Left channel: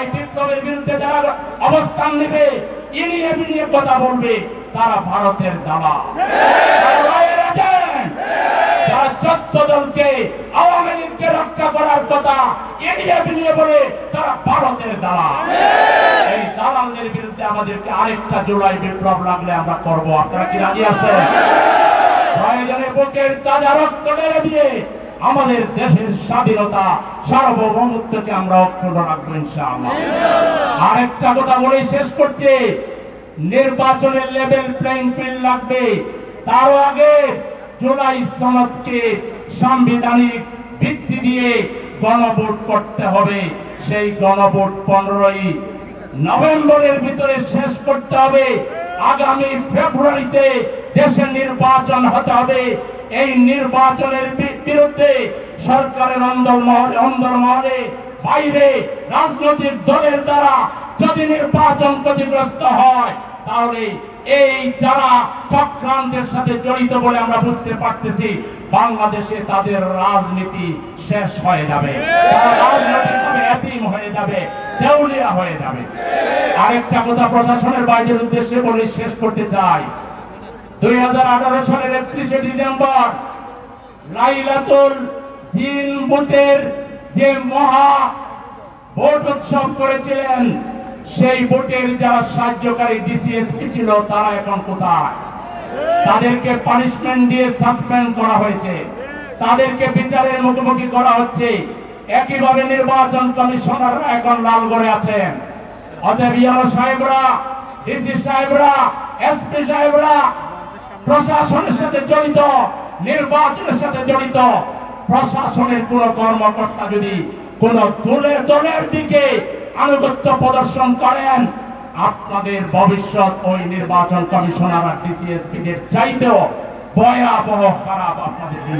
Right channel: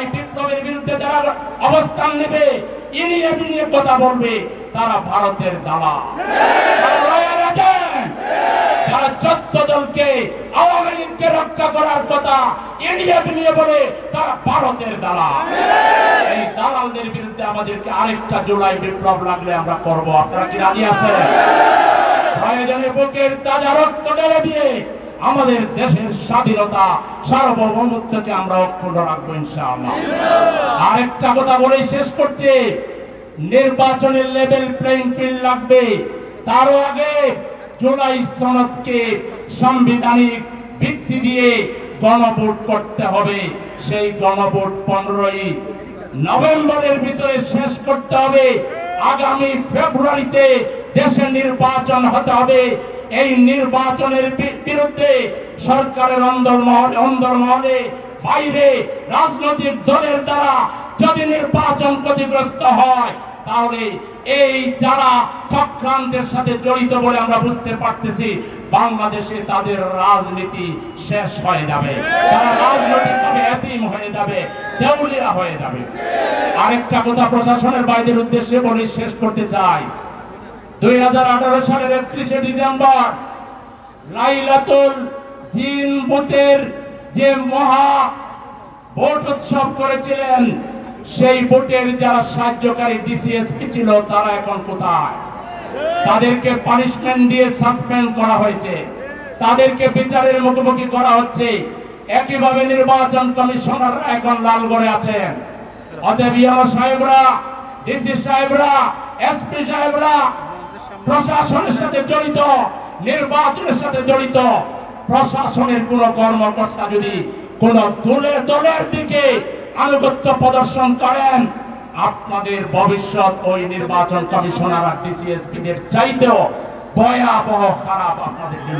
জুলাই বিপ্লবের বিরুদ্ধে যারা অবস্থান নেবে, ইনিয়ে কথা বলবে, তারা ভারতের দালাল। যারা 14 দলকে আওয়ামী লীগকে রক্ষা করার কথা ইনিয়ে বলে, তারা ভারতের দালাল। এই দালালদের বিরুদ্ধে আমাদেরকে আরেকটা জুলাই বিপ্লব লাগলে আমরা করব। আপনারা কি রাজি আছেন? প্রয়োজনে বুকের তাজা রক্ত ঢেলে দিয়ে আমাদের দেশের স্বাধীনতা সার্বভৌমত্বকে আমরা অক্ষুণ্ণ রাখবো ইনশাআল্লাহ। আরেকটা কথা বলে শেষ করছে, নির্বাচনের লেভেল প্লেইং ফিল্ড লাগবে। তারও আগে জুলাই সনদকে সাংবিধানিক ভিত্তি দিয়ে গণভোট করতে হবে। সেই গণভোট 15ই নভেম্বরের ভিতরে শেষ করতে হবে। আগামী ফেব্রুয়ারিতে দেশে নির্বাচন হতে হবে। এই নির্বাচনের বিরুদ্ধে সরকারের অন্দরমহলে বাইরে রাজনৈতিক দলের দ্বারা যদি নির্বাচন ক্ষতিগ্রস্ত হয়, তাহলে এই যারা চক্রান্তের সাথে জড়িত বলে আমরা বুঝতে পারতেছি, বাংলাদেশে তাদের রাজনীতি শেষ হয়ে যাবে, রাজনৈতিকভাবে এতিম হয়ে যাবে, দেউলিয়া হয়ে যাবে। আরেকটা কথা প্রশাসনের বাইরের উদ্দেশ্যে বলে শেষ করতে চাই। 2018 সালের 31শে ডিসেম্বর লাইলাতুল জিন বুথের যে মহা ভোট উৎসব করেছিলেন, সেই ভোটের যারা সাহায্যকারী ডিসিএসপি ছিল, তারা এখন কোথায়? তাদেরকে পানিশমেন্ট দিয়ে সাসপেন্ড করা হয়েছে, তাদেরকে বিচারের মুখোমুখি করা হচ্ছে। একইভাবে নির্বাচন কমিশনাররা এখন লালগড়ে আছেন। অতএব ইআরও সাহেবরা, ডিসি সাহেবরা, এসপি সাহেবরা প্রশাসনের সাথে জড়িত, নির্বাচনের সাথে জড়িত প্রশাসনের কোন কর্মকর্তা যদি কোন দলের দিকে আনুগত্য প্রদর্শন করেন, আপনাদের ভবিষ্যৎ ওই নির্বাচন কমিশনার আর ডিসিএসপিদের চাইতেও ভয়াবহ খারাপ আপনাদের দিন।